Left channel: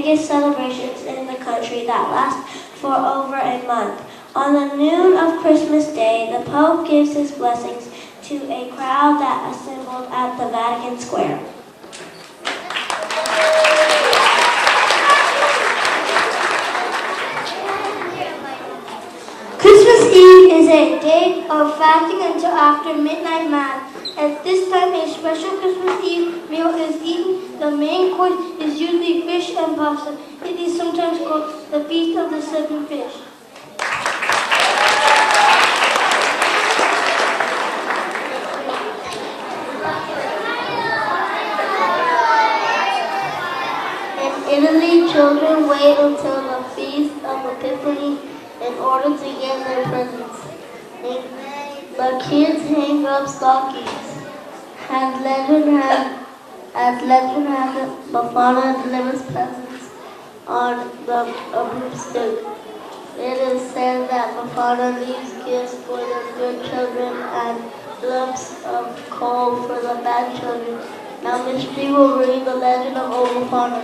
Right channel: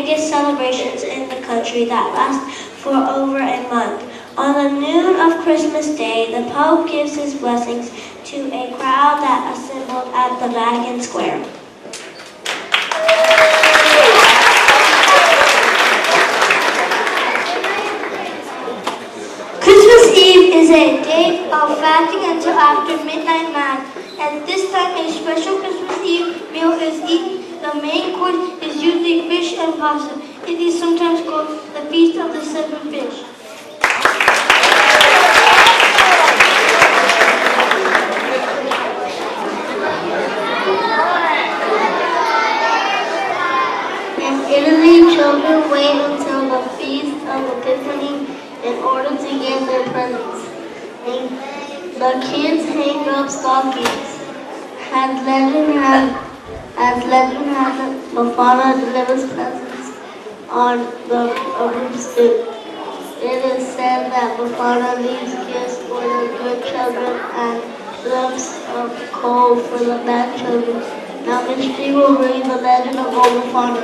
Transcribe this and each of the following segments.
biggest celebrations in the country that last for over a month. On the noon of Christmas Day, the Pope gives his blessings to a crowd that assembled at the Vatican Square. Christmas Eve is a day of fasting until after midnight mass. At this time, a special Christmas Eve meal is eaten. The main course is usually fish and pasta. It is sometimes called the Feast of the Seven Fish. In Italy, children wait until the Feast of Epiphany in order to get their presents. The kids hang up stockings. As legend has it, Befana delivers presents on a roof stoop. It is said that Befana leaves gifts for the good children and lumps of coal for the bad children. Now Miss G will read the legend of old Befana.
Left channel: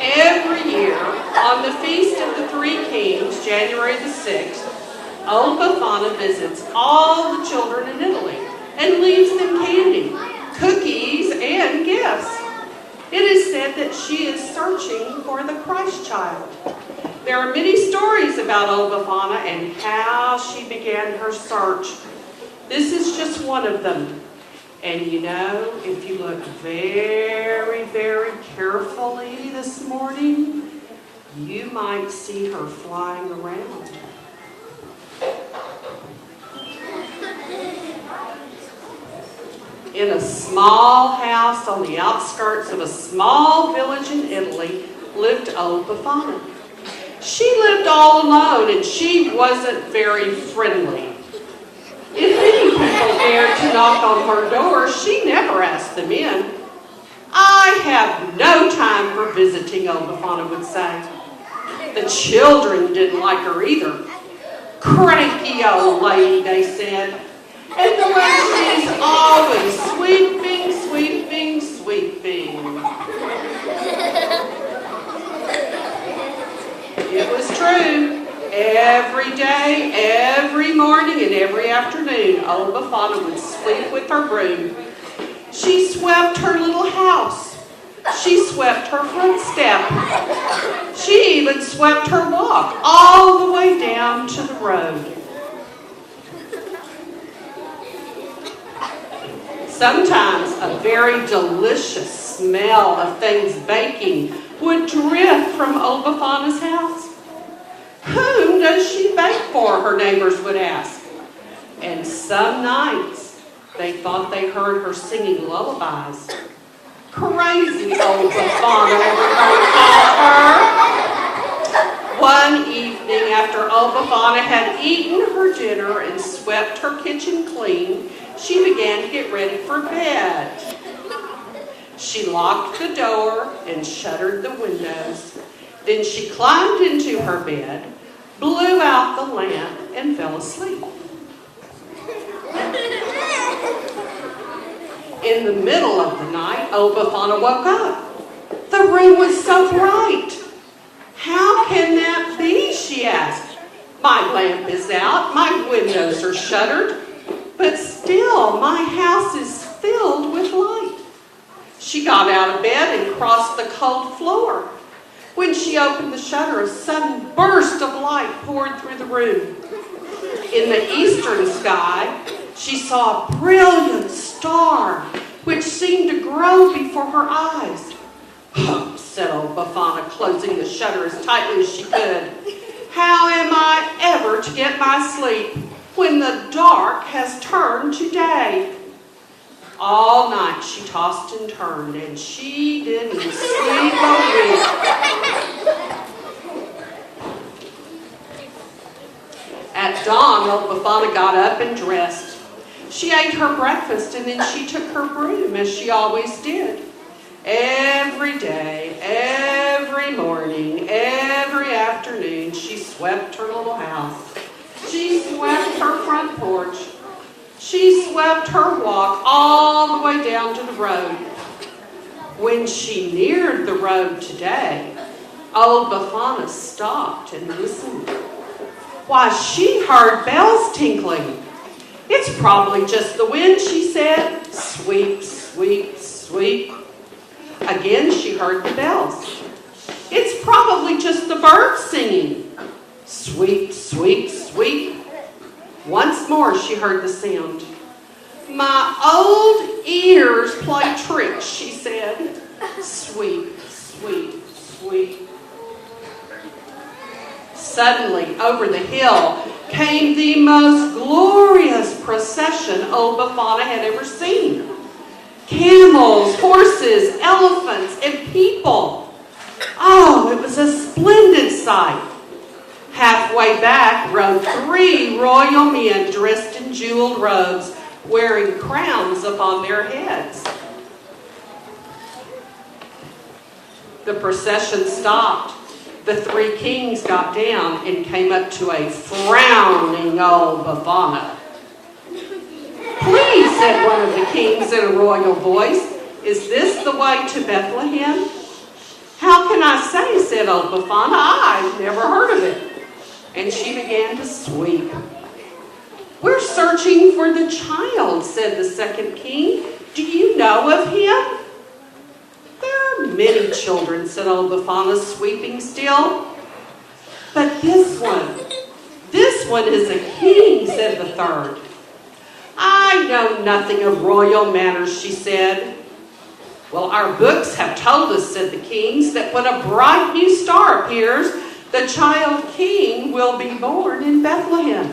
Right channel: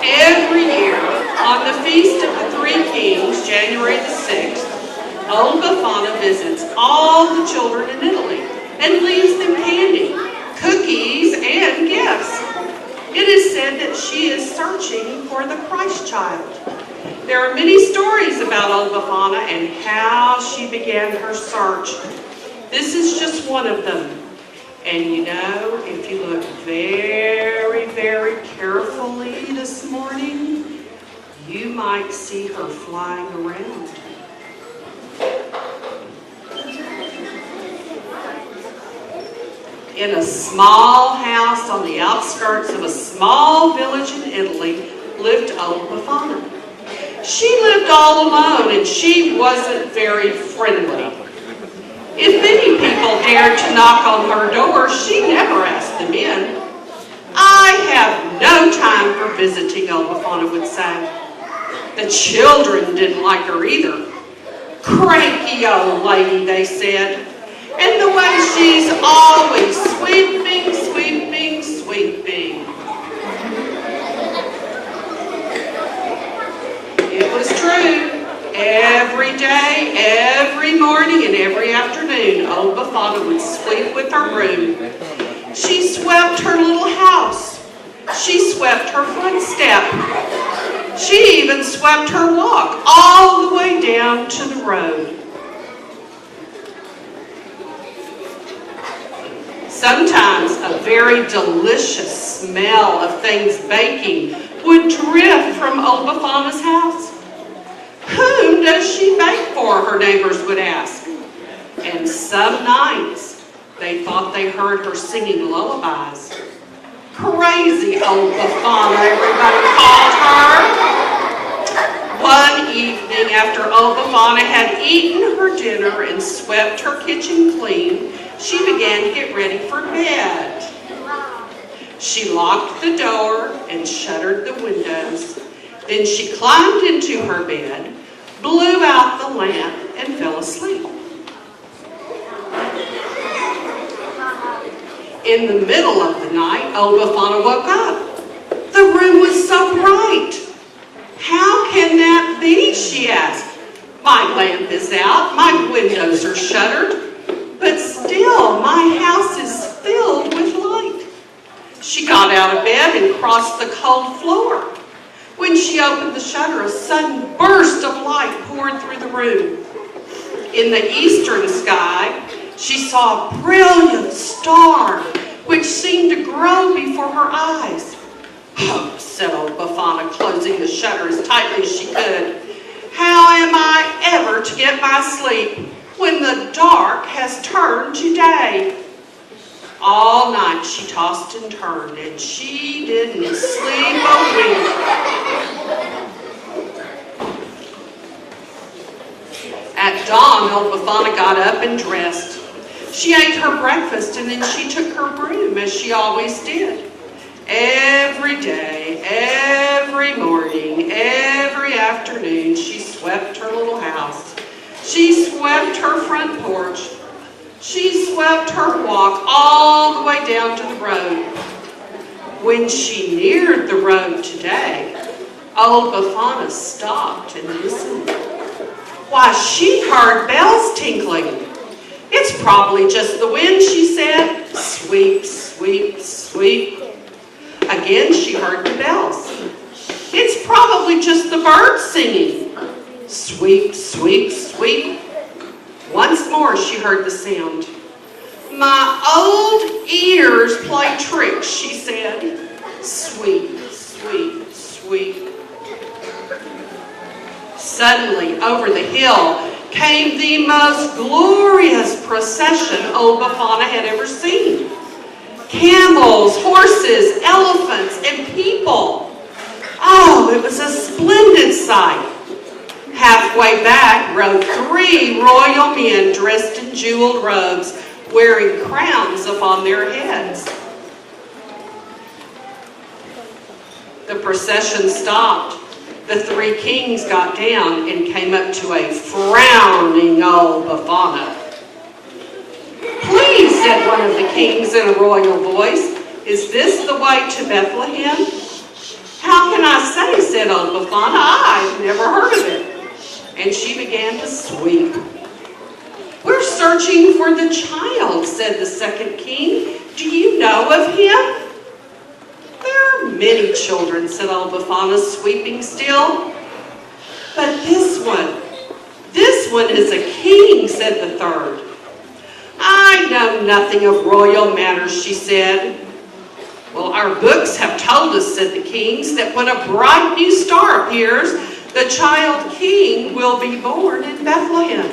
Every year, on the Feast of the Three Kings, January the 6th, old Befana visits all the children in Italy and leaves them candy, cookies, and gifts. It is said that she is searching for the Christ child. There are many stories about old Befana and how she began her search. This is just one of them. And you know, if you look very, very carefully this morning, you might see her flying around. In a small house on the outskirts of a small village in Italy lived old Befana. She lived all alone and she wasn't very friendly. If many people dared to knock on her door, she never asked them in. "I have no time for visiting," old Befana would say. The children didn't like her either. "Cranky old lady," they said. "And the way she's always sweeping, sweeping, sweeping." It was true. Every day, every morning, and every afternoon, old Befana would sweep with her broom. She swept her little house. She swept her front step. She even swept her walk all the way down to the road. Sometimes a very delicious smell of things baking would drift from old Befana's house. "Whom does she bake for?" her neighbors would ask. And some nights they thought they heard her singing lullabies. Crazy old Befana, everybody called her. One evening, after old Befana had eaten her dinner and swept her kitchen clean, she began to get ready for bed. She locked the door and shuttered the windows. Then she climbed into her bed, blew out the lamp, and fell asleep. In the middle of the night, old Befana woke up. The room was so bright. "How can that be?" she asked. "My lamp is out, my windows are shuttered, but still my house is filled with light." She got out of bed and crossed the cold floor. When she opened the shutter, a sudden burst of light poured through the room. In the eastern sky, she saw a brilliant star, which seemed to grow before her eyes. "Oh," said old Befana, closing the shutter as tightly as she could. "How am I ever to get my sleep when the dark has turned to day?" All night she tossed and turned, and she didn't sleep a wink. At dawn, old Befana got up and dressed. She ate her breakfast, and then she took her broom, as she always did. Every day, every morning, every afternoon, she swept her little house. She swept her front porch. She swept her walk all the way down to the road. When she neared the road today, Old Bafana stopped and listened. Why, she heard bells tinkling. It's probably just the wind, she said. Sweep, sweep, sweep. Again, she heard the bells. It's probably just the birds singing. Sweep, sweep, sweep. Once more, she heard the sound. My old ears play tricks, she said. Sweep, sweep, sweep. Suddenly, over the hill, came the most glorious procession old Bafana had ever seen. Camels, horses, elephants, and people. Oh, it was a splendid sight. Halfway back rode 3 royal men dressed in jeweled robes, wearing crowns upon their heads. The procession stopped. The 3 kings got down and came up to a frowning old Bafana. Please, said one of the kings in a royal voice, is this the way to Bethlehem? How can I say, said old Bafana, I've never heard of it. And she began to sweep. We're searching for the child, said the second king. Do you know of him? There are many children, said old Bafana, sweeping still. But this one is a king, said the third. I know nothing of royal manners, she said. Well, our books have told us, said the kings, that when a bright new star appears, the child king will be born in Bethlehem.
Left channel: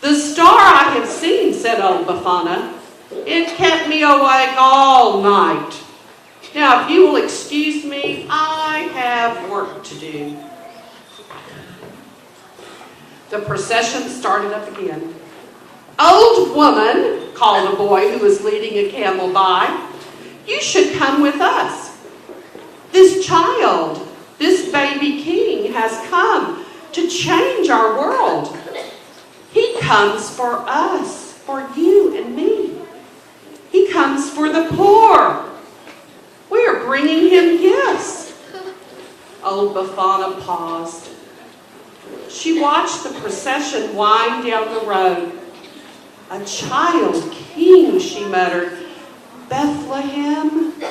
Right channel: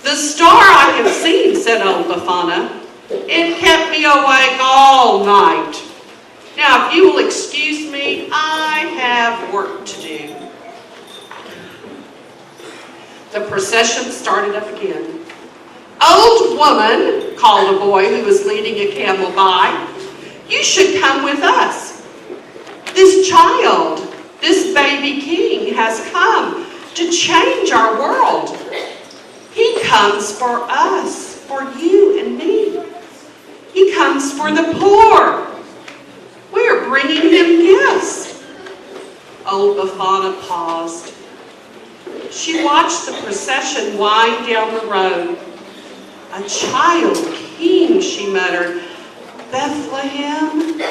The star I have seen, said old Bafana. It kept me awake all night. Now, if you will excuse me, I have work to do. The procession started up again. Old woman, called a boy who was leading a camel by, you should come with us. This child, this baby king has come to change our world. He comes for us, for you and me. He comes for the poor. We're bringing him gifts. Old Bafana paused. She watched the procession wind down the road. A child king, she muttered. Bethlehem,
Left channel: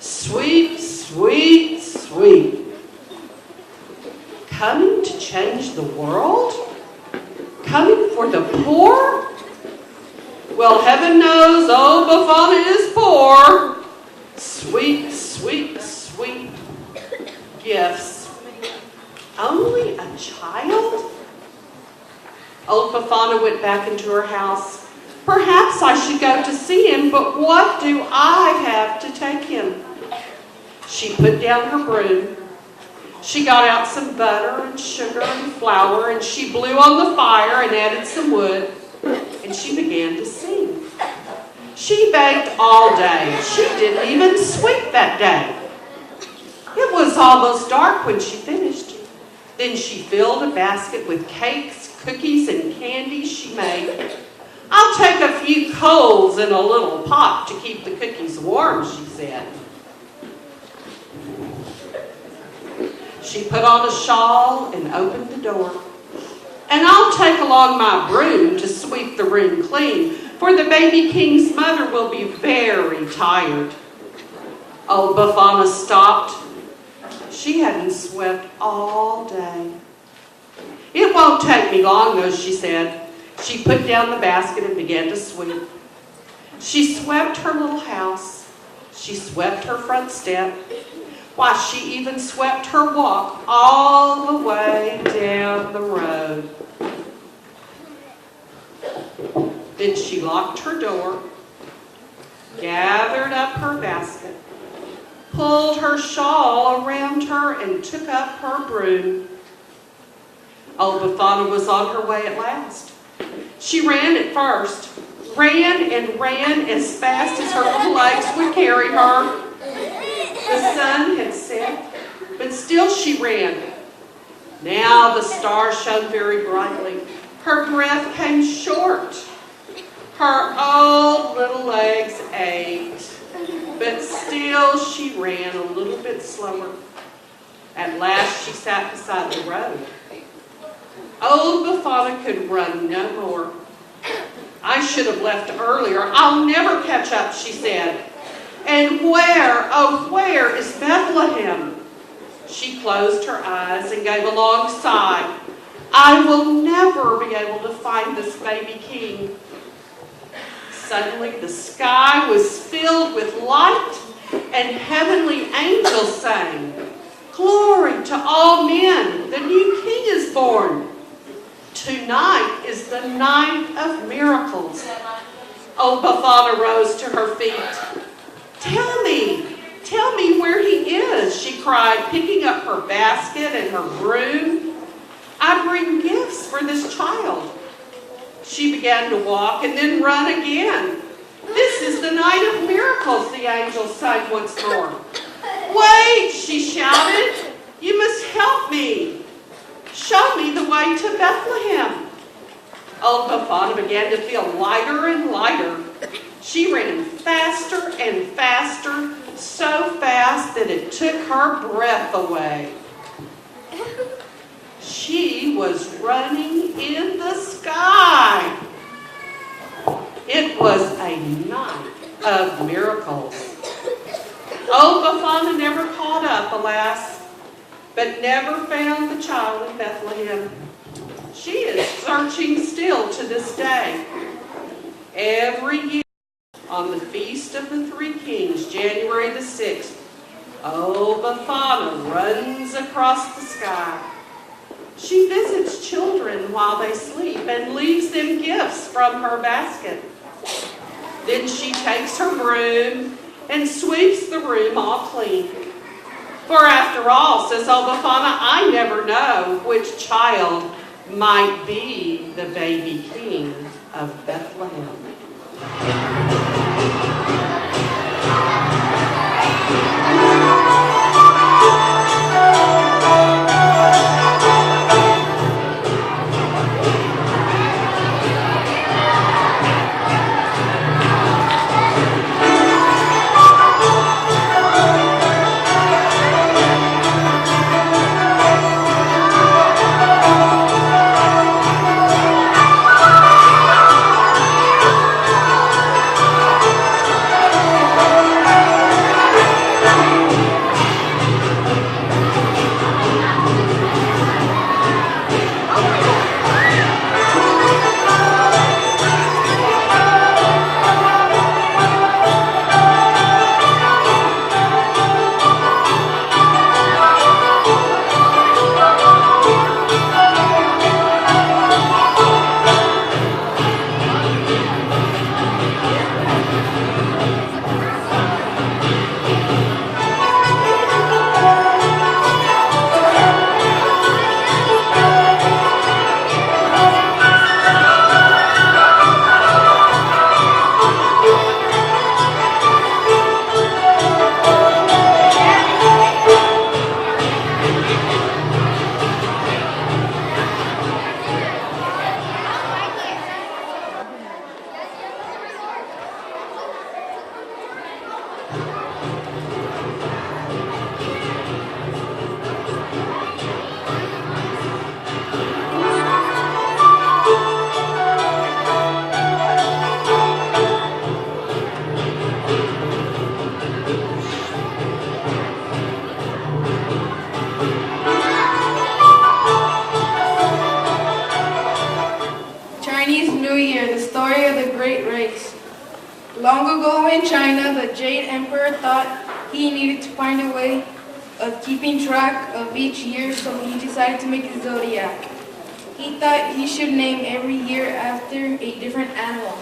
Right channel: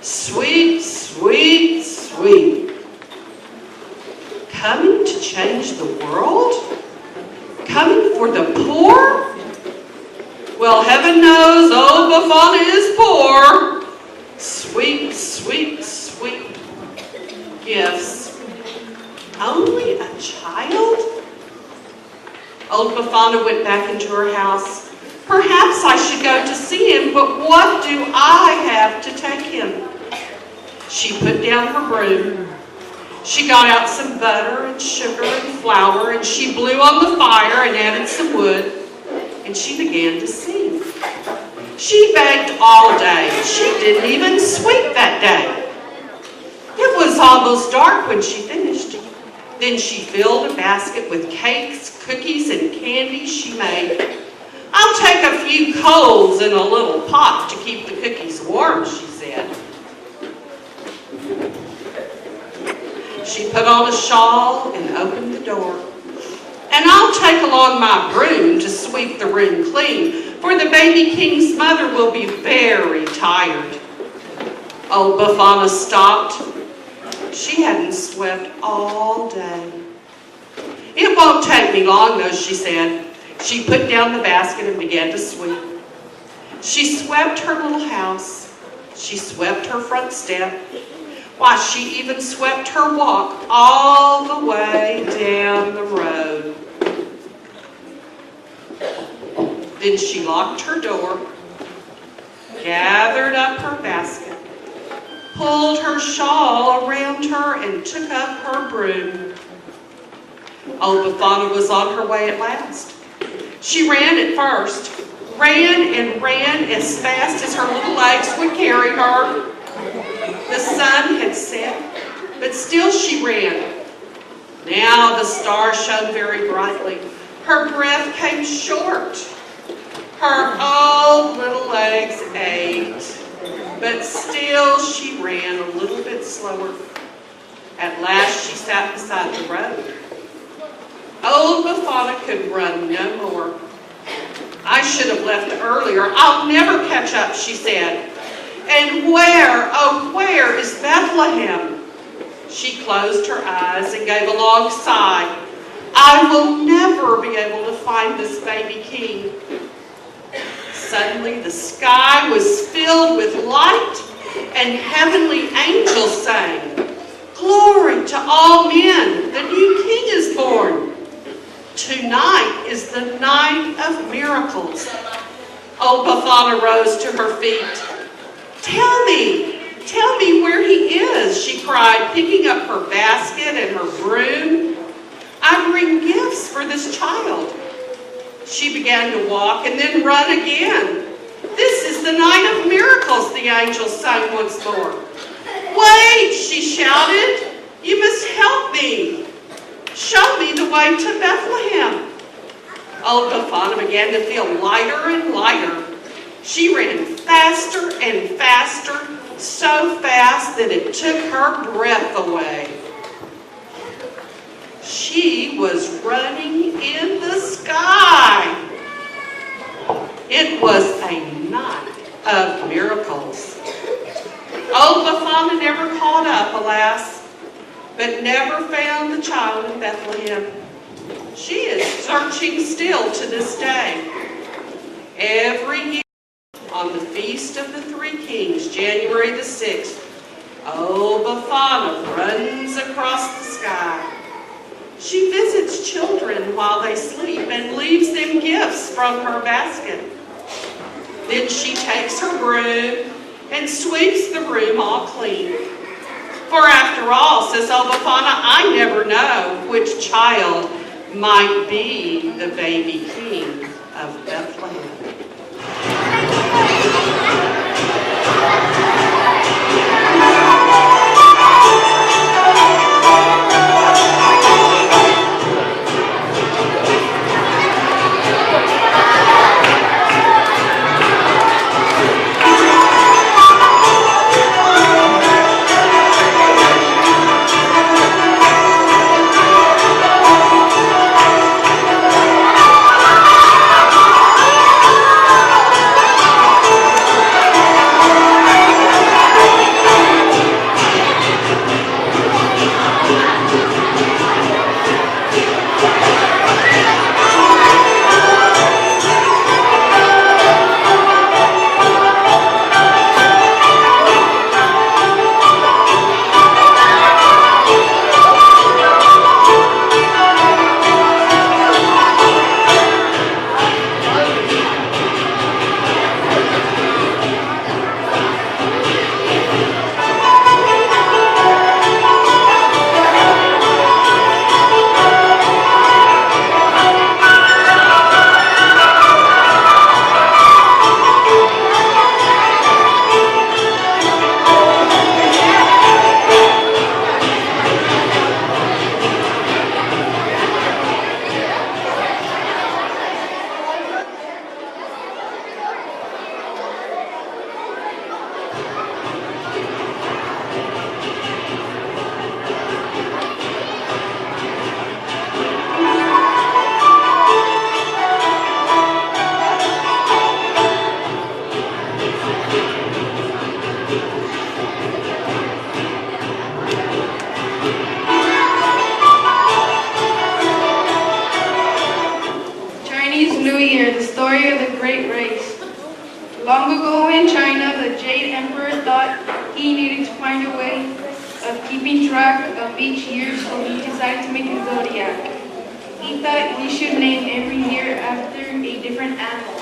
sweet, sweet, sweet. Coming to change the world? Coming for the poor? Well, heaven knows old Bafana is poor. Sweet, sweet, sweet gifts. Only a child? Old Bafana went back into her house. Perhaps I should go to see him, but what do I have to take him? She put down her broom. She got out some butter and sugar and flour, and she blew on the fire and added some wood, and she began to sing. She baked all day. She didn't even sweep that day. It was almost dark when she finished. Then she filled a basket with cakes, cookies, and candy she made. I'll take a few coals in a little pot to keep the cookies warm, she said. She put on a shawl and opened the door. And I'll take along my broom to sweep the room clean, for the baby king's mother will be very tired. Old Bafana stopped. She hadn't swept all day. It won't take me long, though, she said. She put down the basket and began to sweep. She swept her little house. She swept her front step. Why, she even swept her walk all the way down the road. Then she locked her door, gathered up her basket, pulled her shawl around her, and took up her broom. Old Bafana was on her way at last. She ran at first, ran and ran as fast as her little legs would carry her. The sun had set, but still she ran. Now the stars shone very brightly. Her breath came short. Her old little legs ached, but still she ran a little bit slower. At last she sat beside the road. Old Befana could run no more. I should have left earlier. I'll never catch up, she said. And where, oh, where is Bethlehem? She closed her eyes and gave a long sigh. I will never be able to find this baby king. Suddenly the sky was filled with light, and heavenly angels sang, "Glory to all men, the new king is born." Tonight is the night of miracles. Old Befana rose to her feet. Tell me where he is, she cried, picking up her basket and her broom. I bring gifts for this child. She began to walk and then run again. This is the night of miracles, the angels sang once more. Wait, she shouted. You must help me. Show me the way to Bethlehem. Old Befana began to feel lighter and lighter. She ran faster and faster, so fast that it took her breath away. She was running in the sky. It was a night of miracles. Old Befana never caught up, alas, but never found the child in Bethlehem. She is searching still to this day. Every year on the Feast of the Three Kings, January the 6th, old Befana runs across the sky. She visits children while they sleep and leaves them gifts from her basket. Then she takes her broom and sweeps the room all clean. For after all, says old Befana, I never know which child might be the baby king of Bethlehem. Long ago in China, the Jade Emperor thought he needed to find a way of keeping track of each year, so he decided to make a zodiac. He thought he should name every year after a different animal.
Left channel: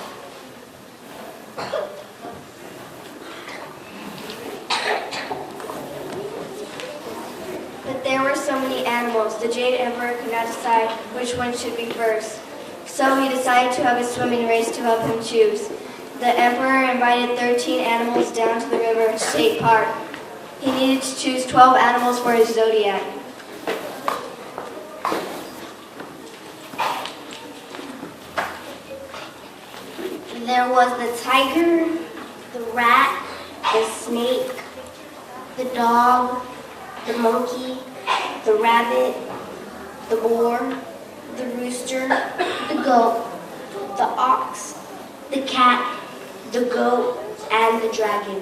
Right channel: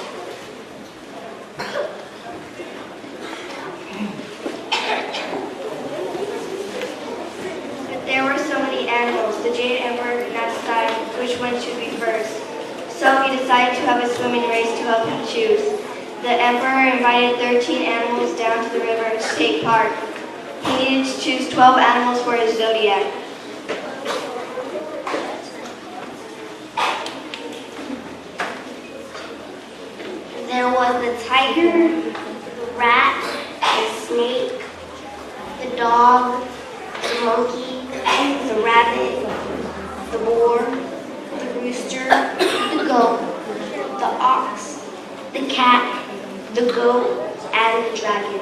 But there were so many animals, the Jade Emperor could not decide which one should be first. So he decided to have a swimming race to help him choose. The Emperor invited 13 animals down to the river state park. He needed to choose 12 animals for his zodiac. There was the tiger, the rat, the snake, the dog, the monkey, the rabbit, the boar, the rooster, the goat, the ox, the cat, the goat, and the dragon.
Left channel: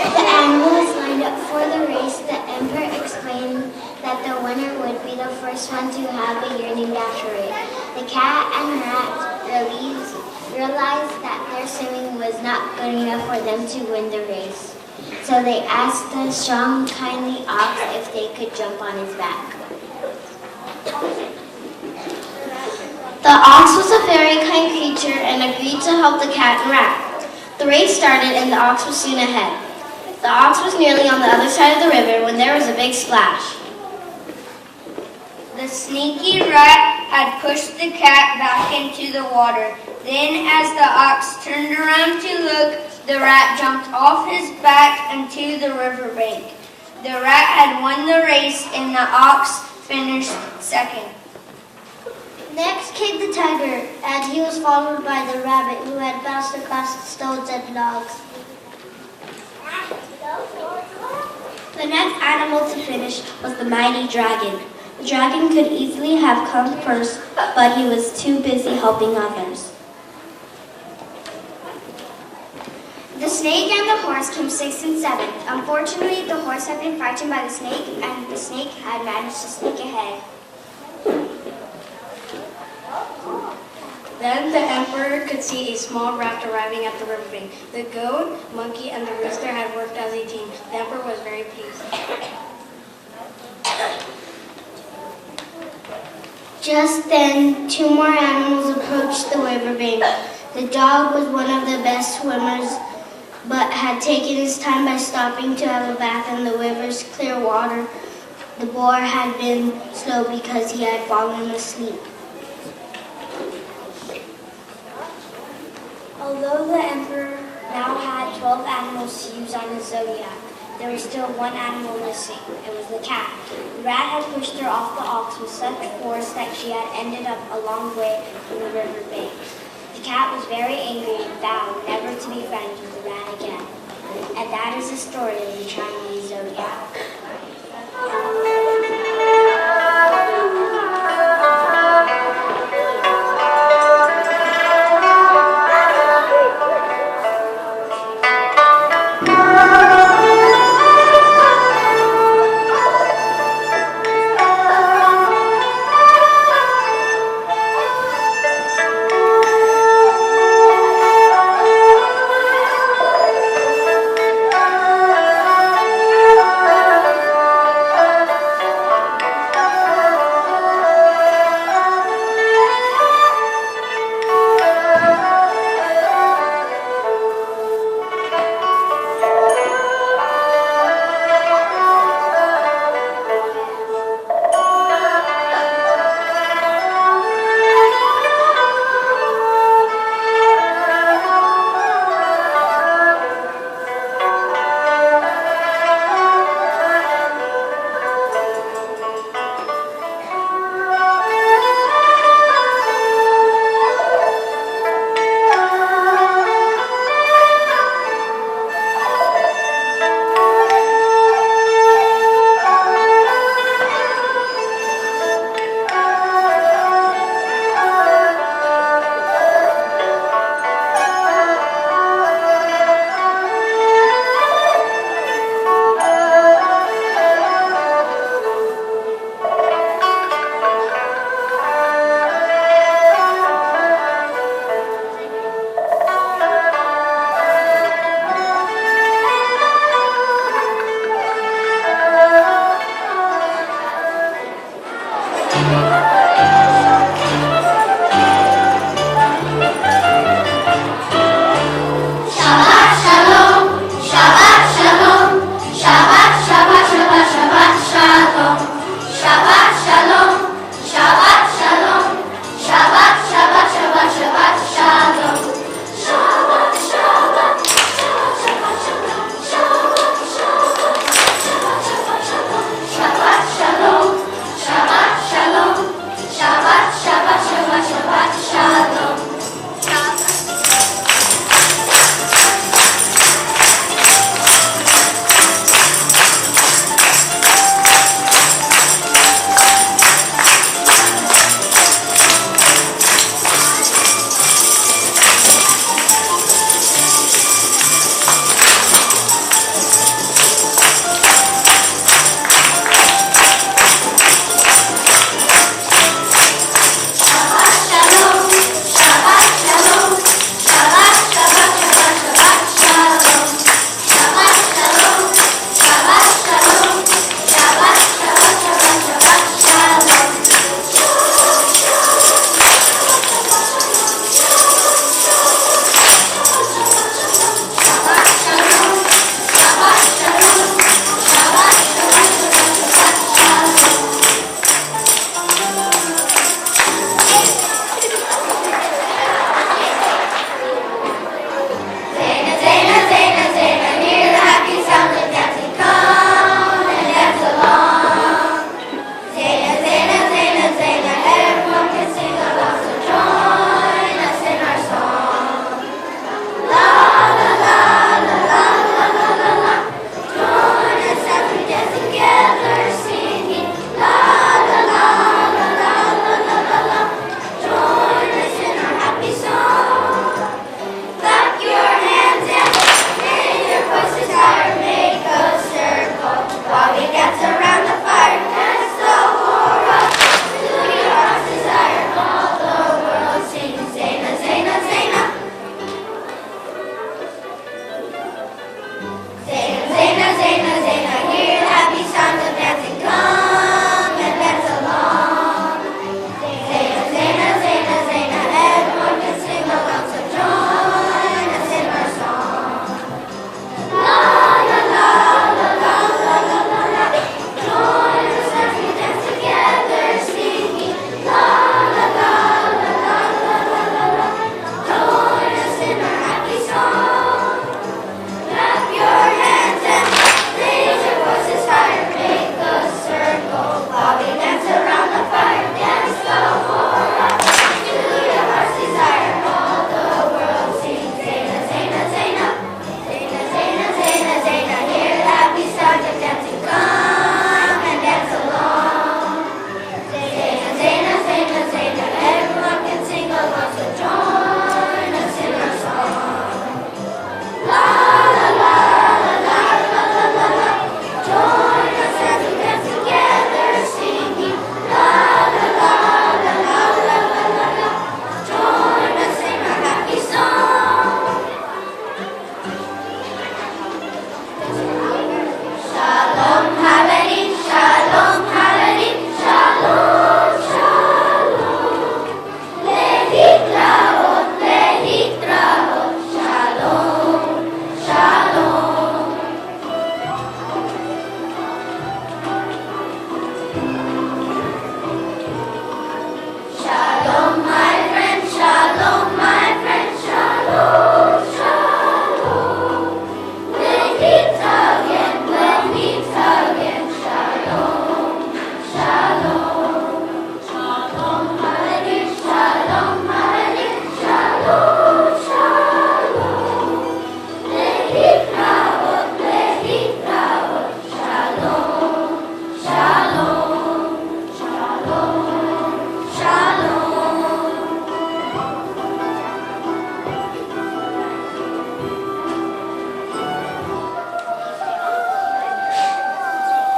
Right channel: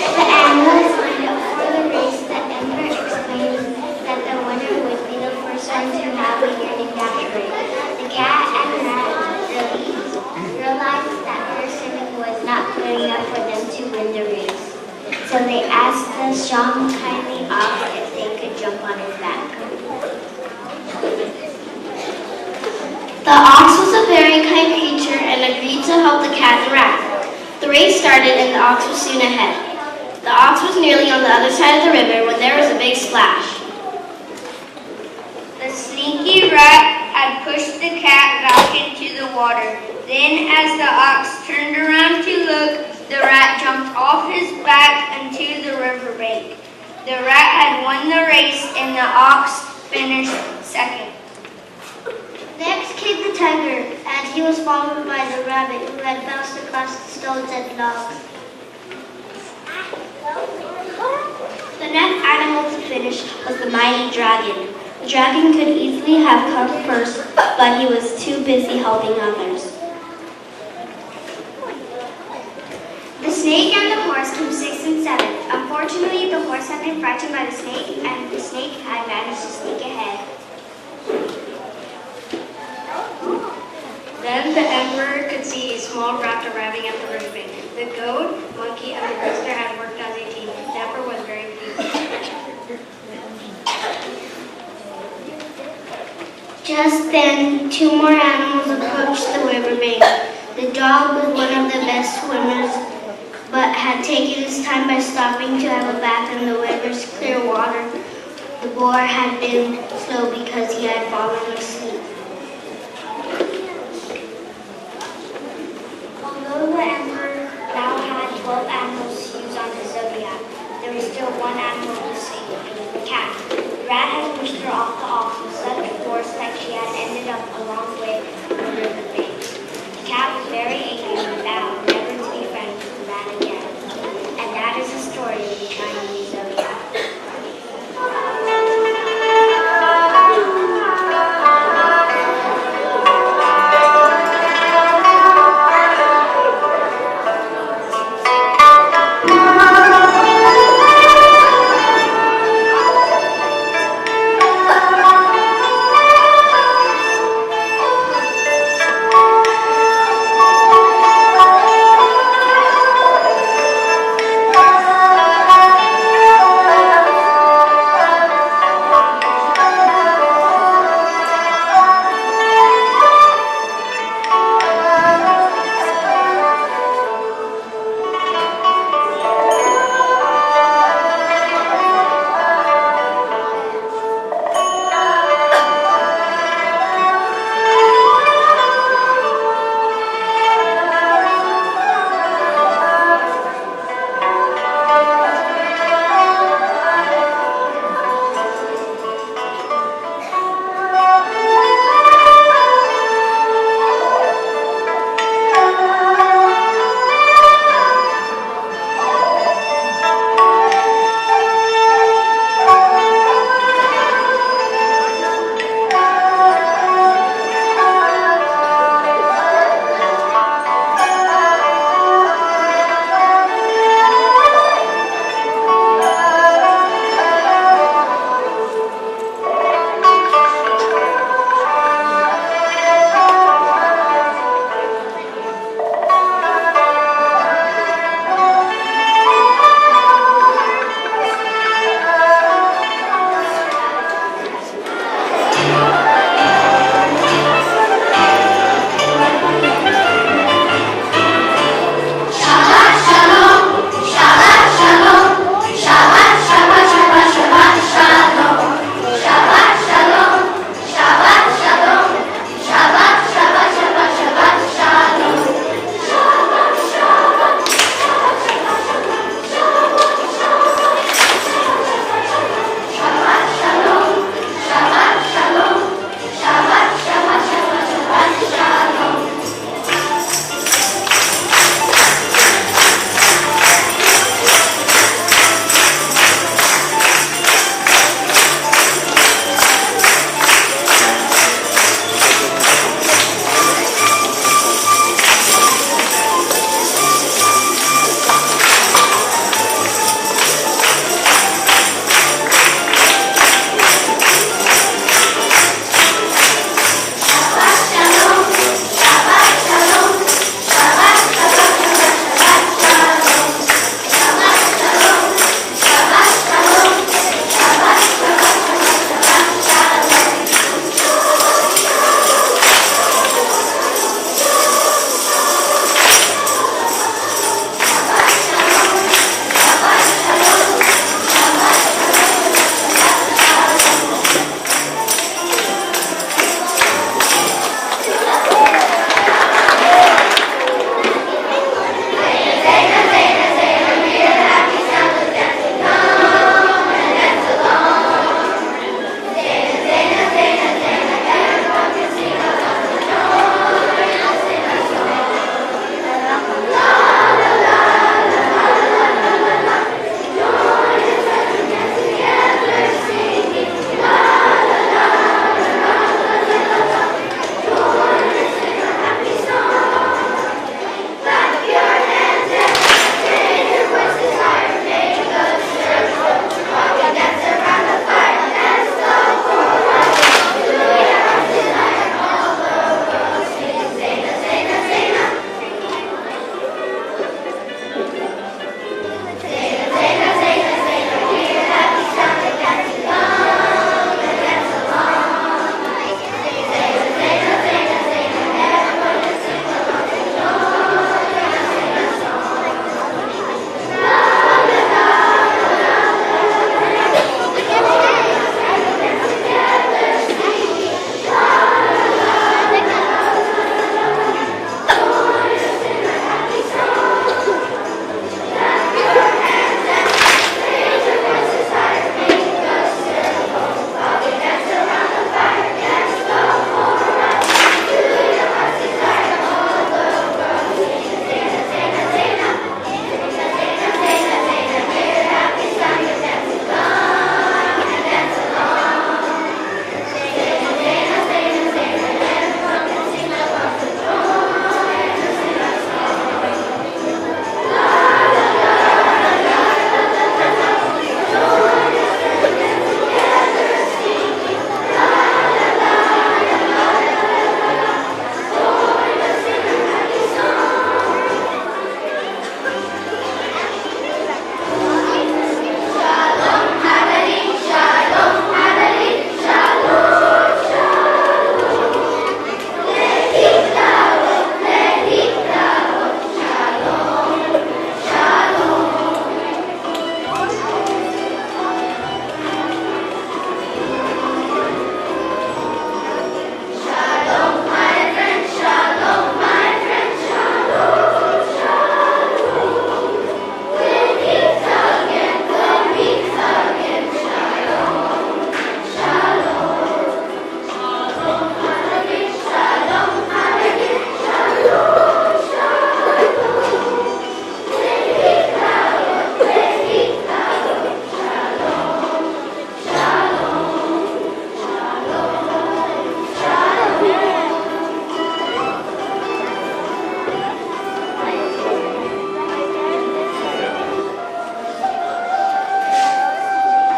The animals lined up for the race. The emperor explained that the winner would be the first one to have a yearning after it. The cat and rat realized that their swimming was not good enough for them to win the race. So they asked the strong, kindly ox if they could jump on his back. The ox was a very kind creature and agreed to help the cat and rat. The race started and the ox was soon ahead. The ox was nearly on the other side of the river when there was a big splash. The sneaky rat had pushed the cat back into the water. Then, as the ox turned around to look, the rat jumped off his back into the riverbank. The rat had won the race and the ox finished second. Next came the tiger, and he was followed by the rabbit, who had bounced across the stones and logs. The next animal to finish was the mighty dragon. The dragon could easily have come first, but he was too busy helping others. The snake and the horse came 6th and 7th. Unfortunately, the horse had been frightened by the snake, and the snake had managed to sneak ahead. Then the emperor could see a small raft arriving at the riverbank. The goat, monkey, and the rooster had worked as a team. The emperor was very pleased. Just then, 2 more animals approached the riverbank. The dog was one of the best swimmers, but had taken his time by stopping to have a bath in the river's clear water. The boar had been slow because he had fallen asleep. Although the emperor now had 12 animals to use on his zodiac, there was still one animal missing. It was the cat. The rat had pushed her off the ox with such force that she had ended up a long way from the riverbank. The cat was very angry and vowed never to be friends with the rat again. And that is the story of the Chinese zodiac.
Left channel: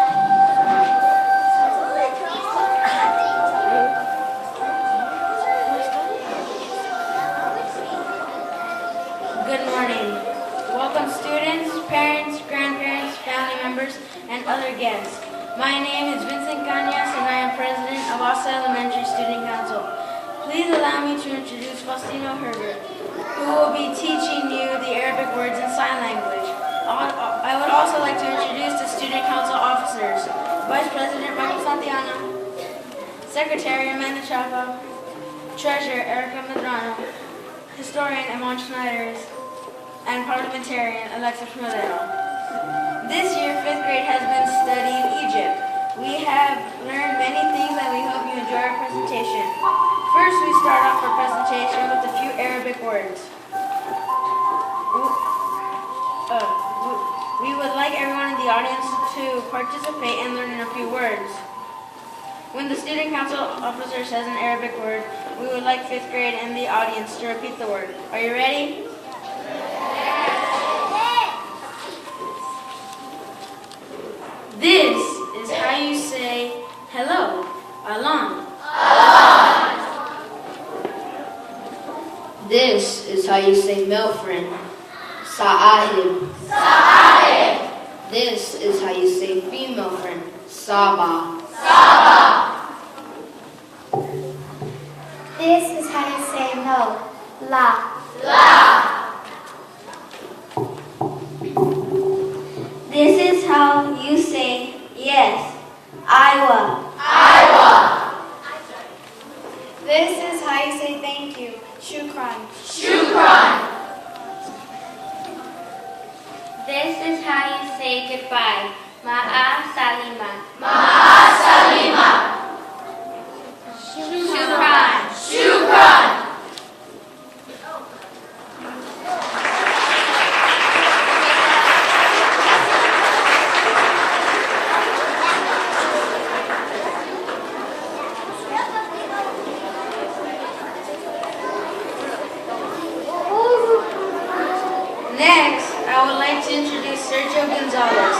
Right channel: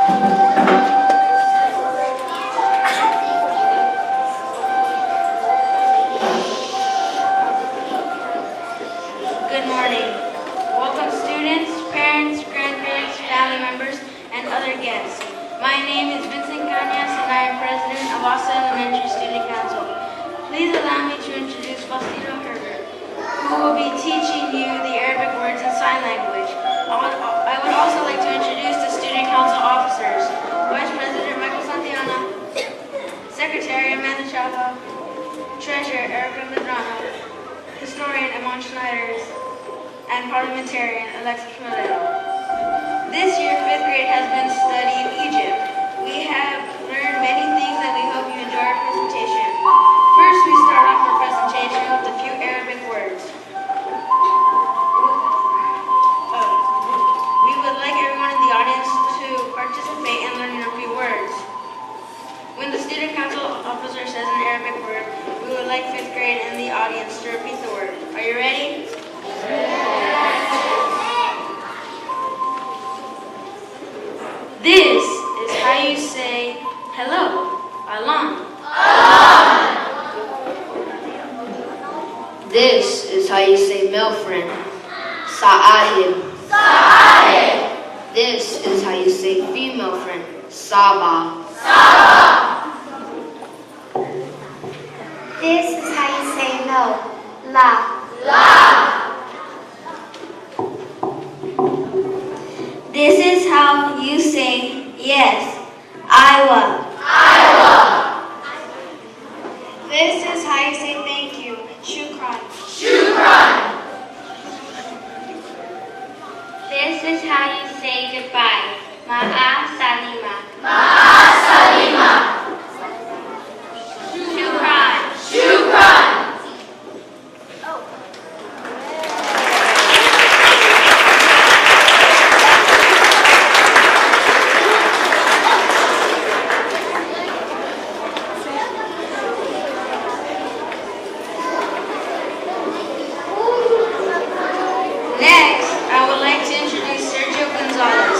Good morning. Welcome students, parents, grandparents, family members, and other guests. My name is Vincent Cañas and I am president of Austin Elementary Student Council. Please allow me to introduce Faustino Herbert, who will be teaching you the Arabic words in sign language. I would also like to introduce the student council officers: Vice President Michael Santiano, Secretary Amanda Chapa, Treasurer Erica Medrano, Historian Amon Schneider, and Parliamentarian Alexis Moreno. This year, 5th grade has been studying Egypt. We have learned many things and we hope you enjoy our presentation. First, we start off our presentation with a few Arabic words. We would like everyone in the audience to participate in learning a few words. When the student council officer says an Arabic word, we would like 5th grade in the audience to repeat the word. Are you ready? This is how you say hello. Alon. This is how you say male friend. Sa'adim. This is how you say female friend. Saba. This is how you say no. La. This is how you say yes. Iowa. This is how you say thank you. Shukran. This is how you say goodbye. Ma'a salima. Shukran. Next, I would like to introduce Sergio Gonzalez.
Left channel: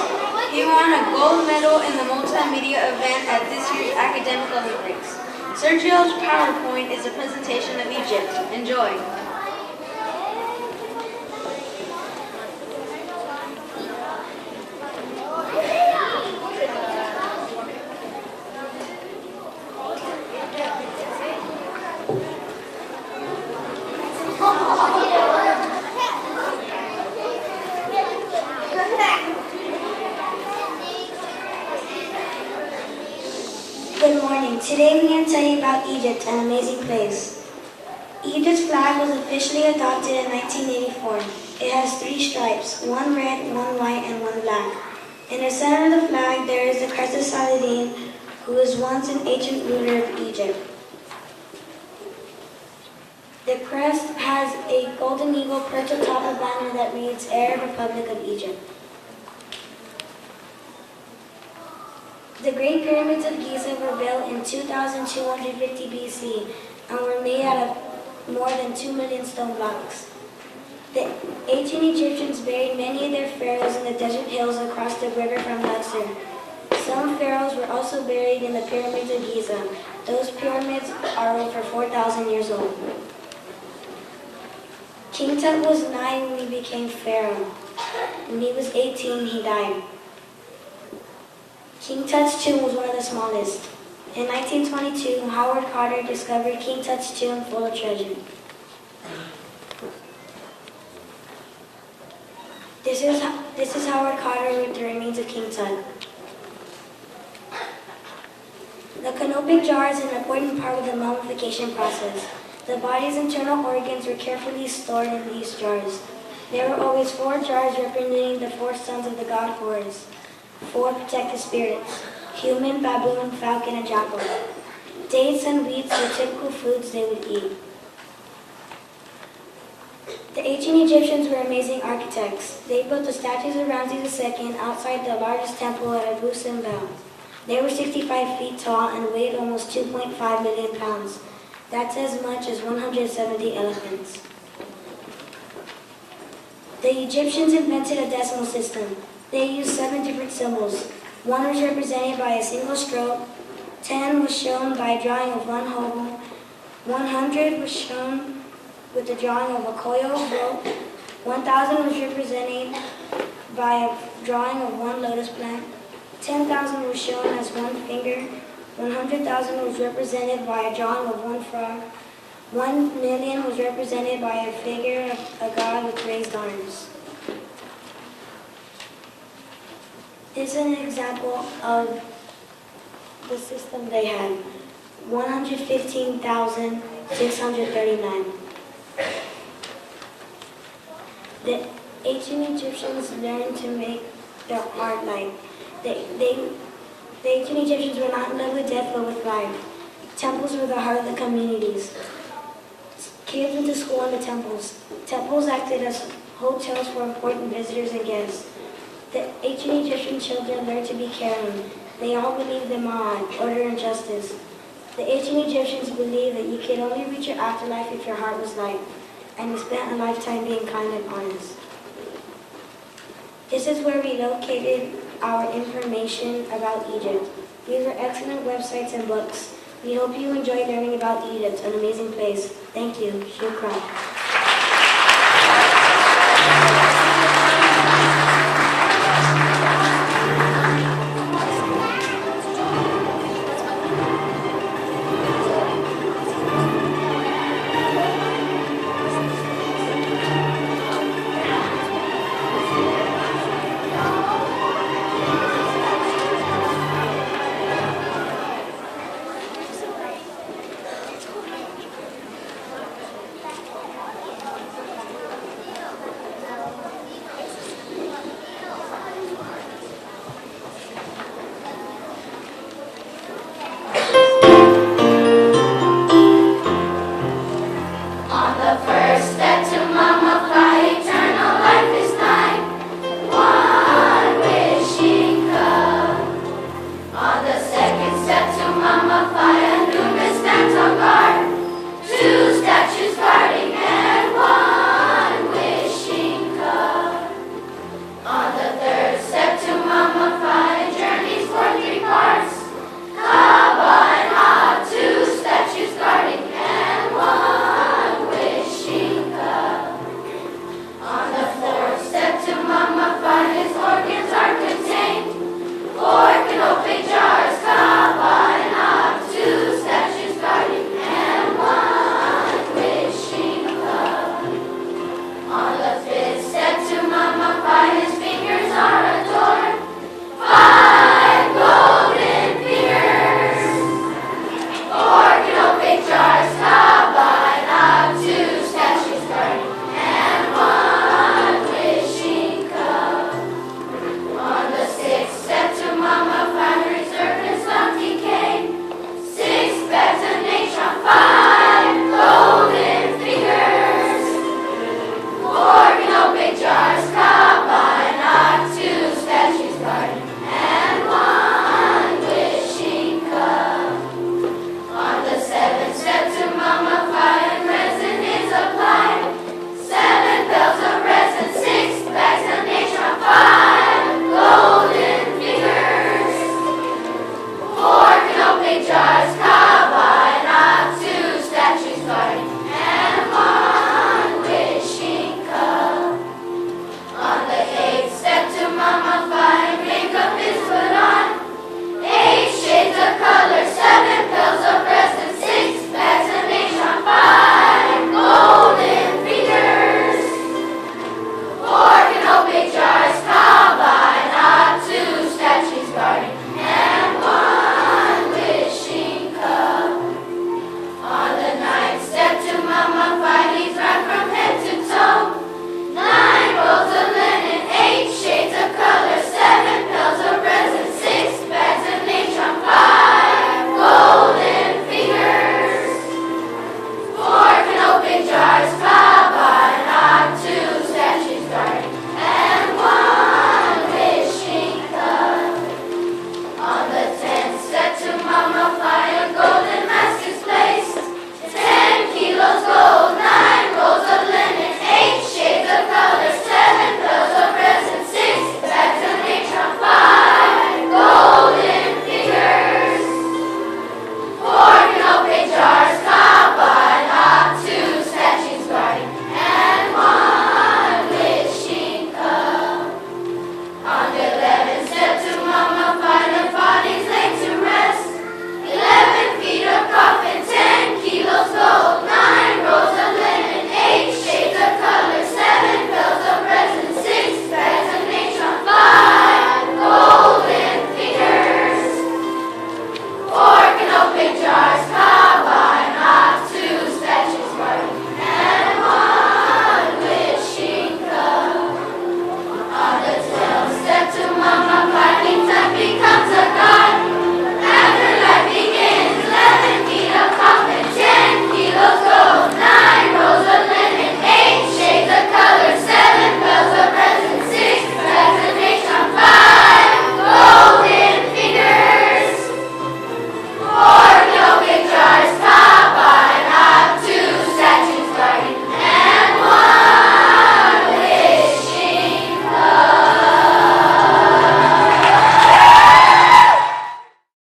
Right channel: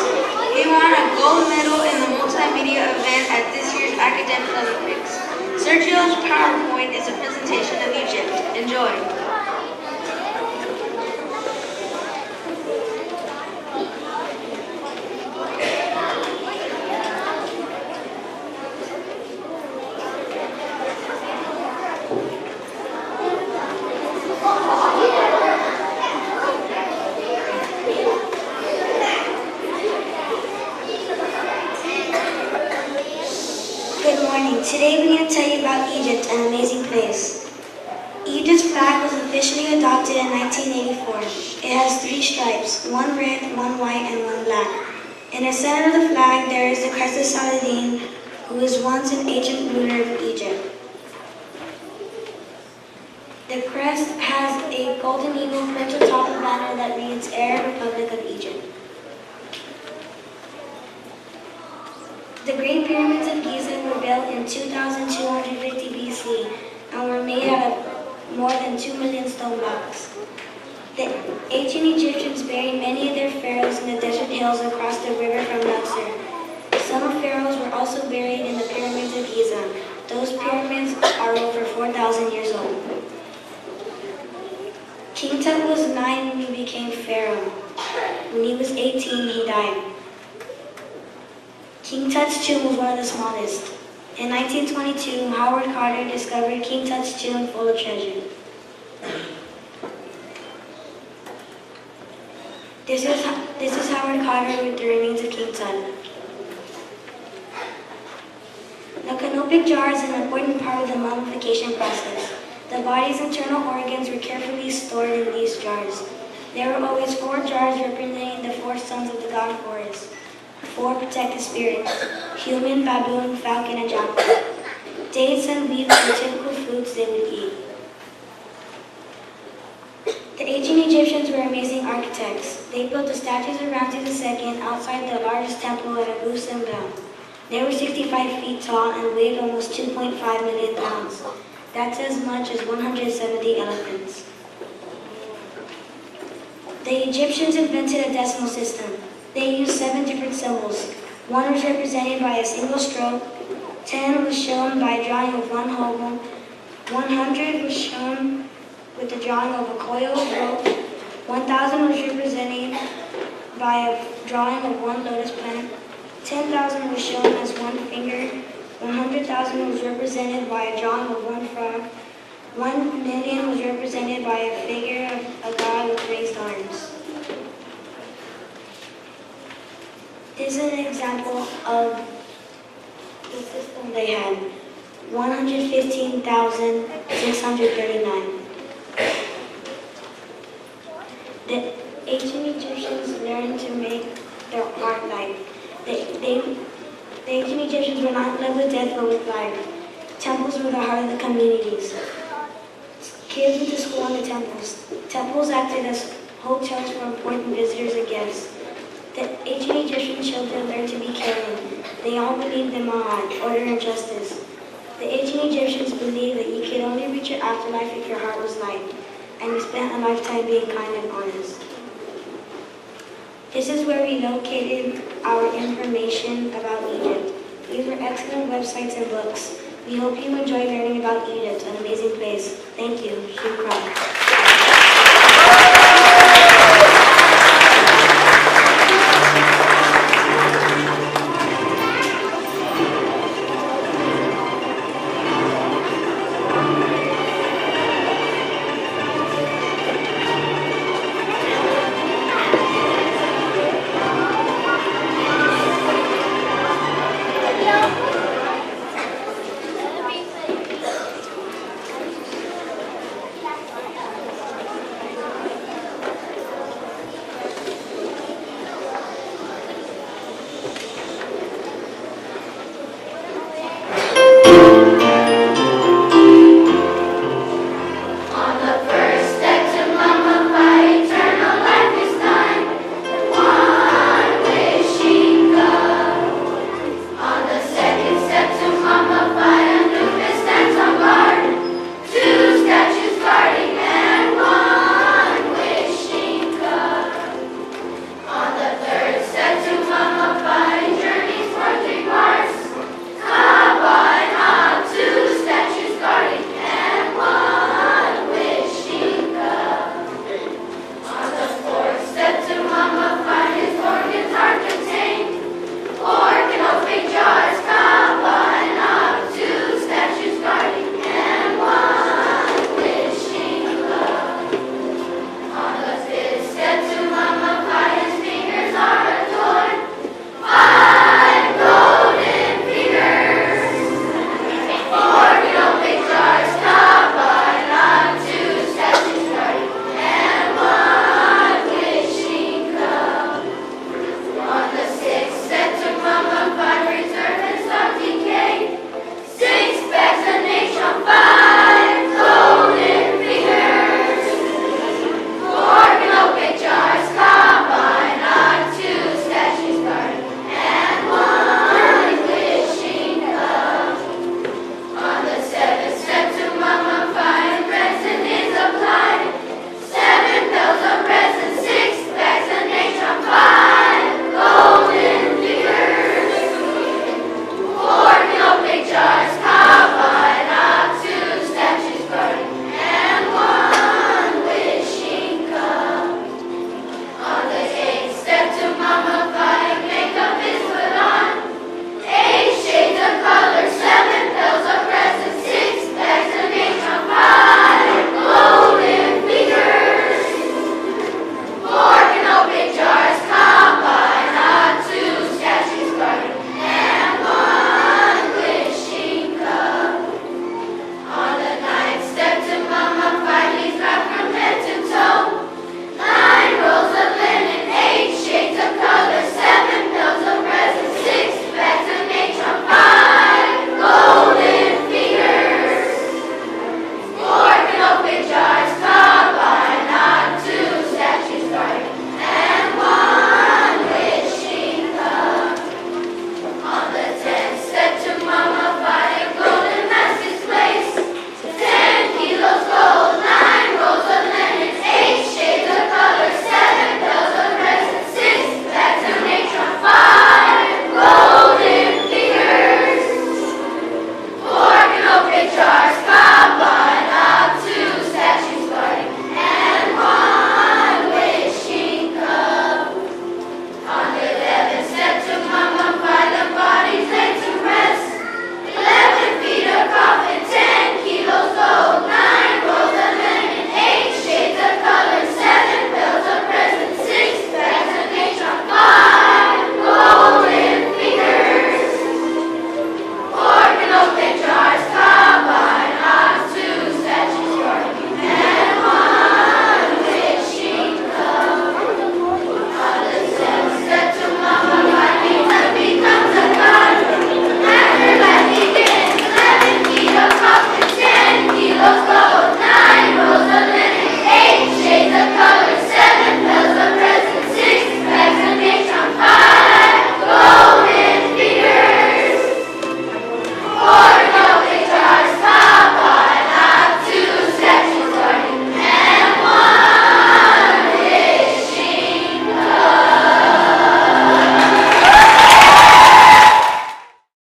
He won a gold medal in the multimedia event at this year's Academic Olympics. Sergio's PowerPoint is a presentation of Egypt. Enjoy. Good morning. Today we're going to tell you about Egypt, an amazing place. Egypt's flag was officially adopted in 1984. It has 3 stripes, 1 red, 1 white, and 1 black. In the center of the flag there is the crest of Saladin, who was once an ancient ruler of Egypt. The crest has a golden eagle perched atop a banner that reads Arab Republic of Egypt. The Great Pyramids of Giza were built in 2250 BC and were made out of more than 2 million stone blocks. The ancient Egyptians buried many of their pharaohs in the desert hills across the river from Luxor. Some pharaohs were also buried in the pyramids of Giza. Those pyramids are over 4,000 years old. King Tut was 9 when he became pharaoh. When he was 18, he died. King Tut's tomb was one of the smallest. In 1922, Howard Carter discovered King Tut's tomb full of treasure. This is Howard Carter with the remains of King Tut. The canopic jar is an important part of the mummification process. The body's internal organs were carefully stored in these jars. There were always 4 jars representing the 4 sons of the god Horus. 4 protected spirits: human, baboon, falcon, and jackal. Dates and wheat were typical foods they would eat. The ancient Egyptians were amazing architects. They built the statues of Ramses II outside the largest temple at Abu Simbel. They were 65 feet tall and weighed almost 2.5 million pounds. That's as much as 170 elephants. The Egyptians invented a decimal system. They used 7 different symbols. 1 was represented by a single stroke, 10 was shown by a drawing of one hobo, 100 was shown with the drawing of a coiled rope, 1,000 was represented by a drawing of one lotus plant, 10,000 was shown as one finger, 100,000 was represented by a drawing of one frog, 1,000,000 was represented by a figure of a god with raised arms. This is an example of the system they had. 115,639. The ancient Egyptians learned to make their art light. The ancient Egyptians were not done with death but with life. Temples were the heart of the communities. Kids went to school in the temples. Temples acted as hotels for important visitors and guests. The ancient Egyptian children learned to be caring. They all believed in Ma'at, order and justice. The ancient Egyptians believed that you could only reach your afterlife if your heart was light, and you spent a lifetime being kind and honest. This is where we located our information about Egypt. These are excellent websites and books. We hope you enjoy learning about Egypt, an amazing place. Thank you. Shukran.